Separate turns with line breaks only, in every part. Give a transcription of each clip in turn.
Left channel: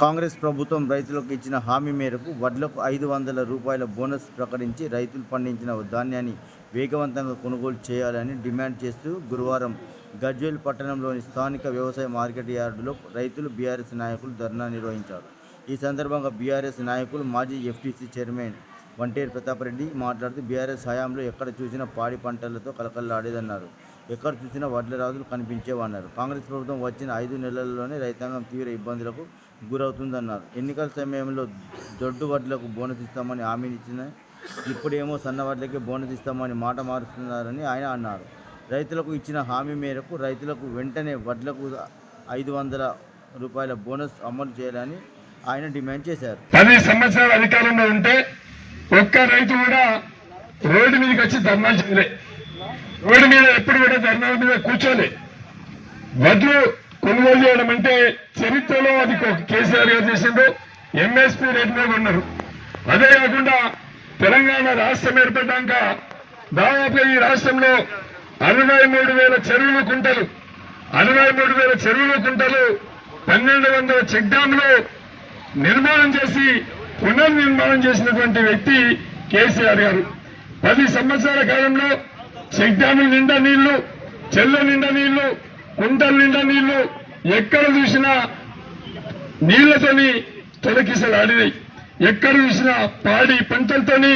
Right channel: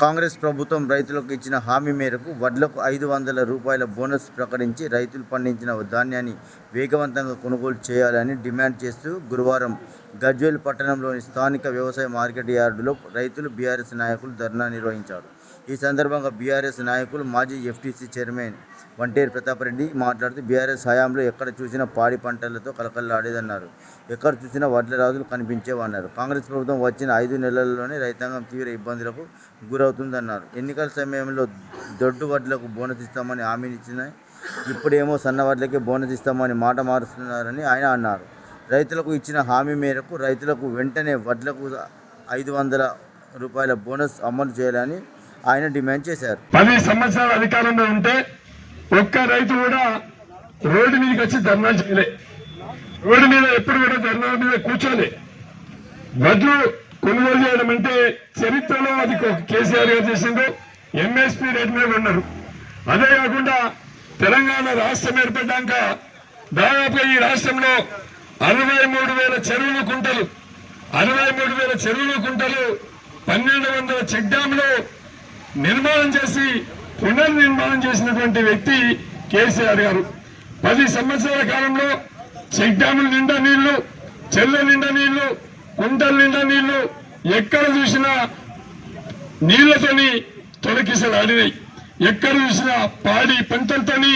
కాంగ్రెస్ ప్రభుత్వం రైతులకు ఇచ్చిన హామీ మేరకు వడ్లకు ఐదు వందల రూపాయల బోనస్ ప్రకటించి రైతులు పండించిన ధాన్యాన్ని వేగవంతంగా కొనుగోలు చేయాలని డిమాండ్ చేస్తూ గురువారం గజ్వేల్ పట్టణంలోని స్థానిక వ్యవసాయ మార్కెట్ యార్డులో రైతులు బీఆర్ఎస్ నాయకులు ధర్నా నిర్వహించారు. ఈ సందర్భంగా బీఆర్ఎస్ నాయకులు మాజీ ఎఫ్టీసీ చైర్మన్ వంటేరు ప్రతాప్ రెడ్డి మాట్లాడుతూ బీఆర్ఎస్ హయాంలో ఎక్కడ చూసినా పాడి పంటలతో కలకల్లాడేదన్నారు. ఎక్కడ చూసినా వడ్ల రాజులు కనిపించేవన్నారు. కాంగ్రెస్ ప్రభుత్వం వచ్చిన ఐదు నెలల్లోనే రైతాంగం తీవ్ర ఇబ్బందులకు గురవుతుందన్నారు. ఎన్నికల సమయంలో దొడ్డు వడ్లకు బోనస్ ఇస్తామని హామీని ఇచ్చిన ఇప్పుడేమో సన్న వడ్లకే బోనస్ ఇస్తామని మాట మారుస్తున్నారని ఆయన అన్నారు. రైతులకు ఇచ్చిన హామీ మేరకు రైతులకు వెంటనే వడ్లకు ఐదు వందల రూపాయల బోనస్ అమలు చేయాలని ఆయన డిమాండ్ చేశారు.
పది సంవత్సరాల అధికారంలో ఉంటే ఒక్క రైతు కూడా రోడ్డు మీదకి వచ్చి ధర్నాలు చేయలే. రోడ్డు మీద ఎప్పుడు కూడా ధర్నాల మీద కూర్చోలే వడ్లు కొనుగోలు చేయడం అంటే చరిత్రలో అది ఒక కేసీఆర్ గారు చేసిందో ఎంఎస్పీ రేట్ మీద ఉన్నారు అదే కాకుండా తెలంగాణ రాష్ట్రం ఏర్పడ్డాక దాదాపుగా ఈ రాష్ట్రంలో అరవై మూడు వేల చెరువులు కుంటలు అరవై మూడు వేల చెరువులు కుంటలు పన్నెండు వందల చెక్ డ్యాంలు నిర్మాణం చేసి పునర్నిర్మాణం చేసినటువంటి వ్యక్తి కేసీఆర్ గారు. పది సంవత్సరాల కాలంలో చెక్ డ్యాముల నిండా నీళ్ళు చెల్ల నిండా నీళ్ళు కుంటల నిండా నీళ్ళు ఎక్కడ చూసినా నీళ్ళతోని తొలకిసలాడినాయి ఎక్కడ చూసినా పాడి పంటలతోని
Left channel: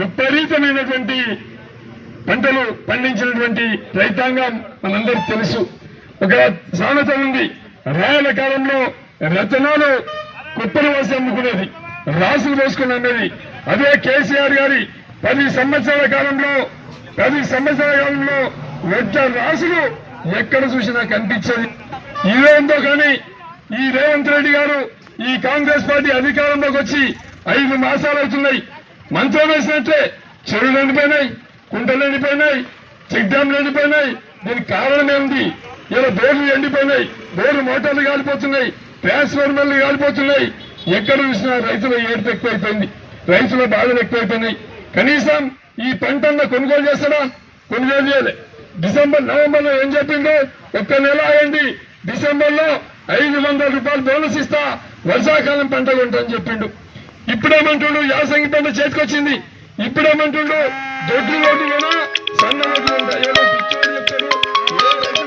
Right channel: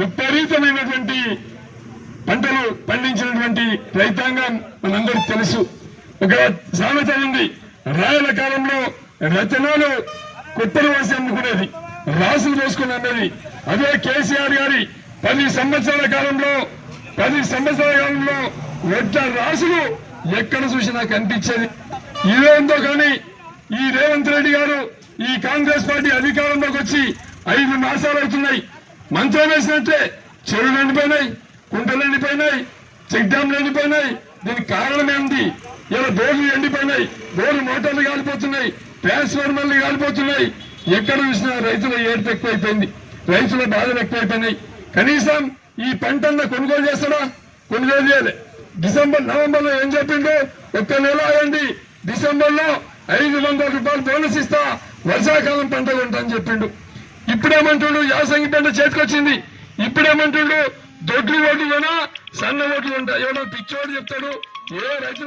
విపరీతమైనటువంటి పంటలు పండించినటువంటి రైతాంగం మనందరికి తెలుసు. ఒక సామెత ఉంది. రాయల కాలంలో రచనలు కుప్పలు వేసి అమ్ముకునేది. రాసులు పోసుకుని అనేది అదే కేసీఆర్ గారి పది సంవత్సరాల కాలంలో పది సంవత్సరాల కాలంలో ఒక్క రాసులు ఎక్కడ చూసినా కనిపించదు. ఇదేందో కానీ ఈ రేవంత్ రెడ్డి గారు ఈ కాంగ్రెస్ పార్టీ అధికారంలోకి వచ్చి ఐదు మాసాలు అవుతున్నాయి. మంత్రం వేసినట్టే చెరువులు ఎండిపోయినాయి కుంటలు ఎండిపోయినాయి చెక్ డ్యాంలు ఎండిపోయినాయి దీనికి కారణం ఇలా బోర్లు ఎండిపోయినాయి బోర్లు మోటార్లు కాలిపోతున్నాయి ట్రాన్స్ఫార్మర్లు కాలిపోతున్నాయి. ఎక్కడ చూసినా రైతుల ఏడుపు ఎక్కువైపోయింది రైతుల బాధలు ఎక్కువైపోయినాయి. కనీసం ఈ పంటన్న కొనుగోలు చేస్తాడా? కొనుగోలు చేయలే. డిసెంబర్ నవంబర్లో ఏం చెప్పిండు? ఒక్క నెల ఆగండి డిసెంబర్లో ఐదు వందల రూపాయలు బోనస్ ఇస్తా. వర్షాకాలం పంట కొంటని చెప్పిండు. ఇప్పుడేమంటుండు? యాసంగి పంట చేతికొచ్చింది. ఇప్పుడేమంటుండు? దొడ్లు ఓట్లునా సన్న ఓట్లు ఉంటాయి ఎవరో పిచ్చోడు చెప్తాడు. ఏ రైతు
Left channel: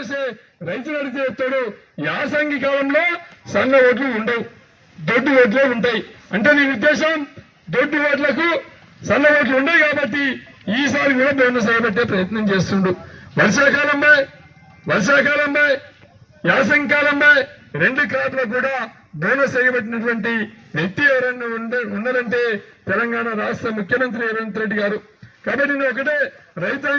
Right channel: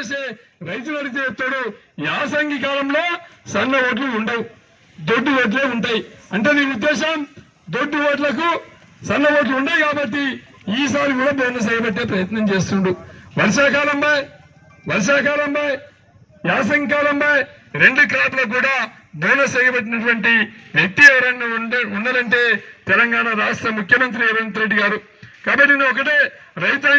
చేసే రైతు అడిగితే ఎత్తాడు యాసంగి కాలంలో సన్న ఓట్లు ఉండవు దొడ్డు ఓట్లే ఉంటాయి. అంటే నీ ఉద్దేశం దొడ్డు ఓట్లకు సన్న ఓట్లు ఉండవు కాబట్టి ఈసారి కూడా బోనస్ పెట్టే ప్రయత్నం చేస్తుండు. వర్షాకాలంలో వర్షాకాలంలో యాసంగి కాలంలో రెండు క్రాప్లకు కూడా బోనస్ ఎగబెట్టినటువంటి వ్యక్తి ఎవరైనా ఉండే ఉన్నారంటే తెలంగాణ రాష్ట్ర ముఖ్యమంత్రి రేవంత్ రెడ్డి గారు. కాబట్టి నేను ఒకటే రైతాంగ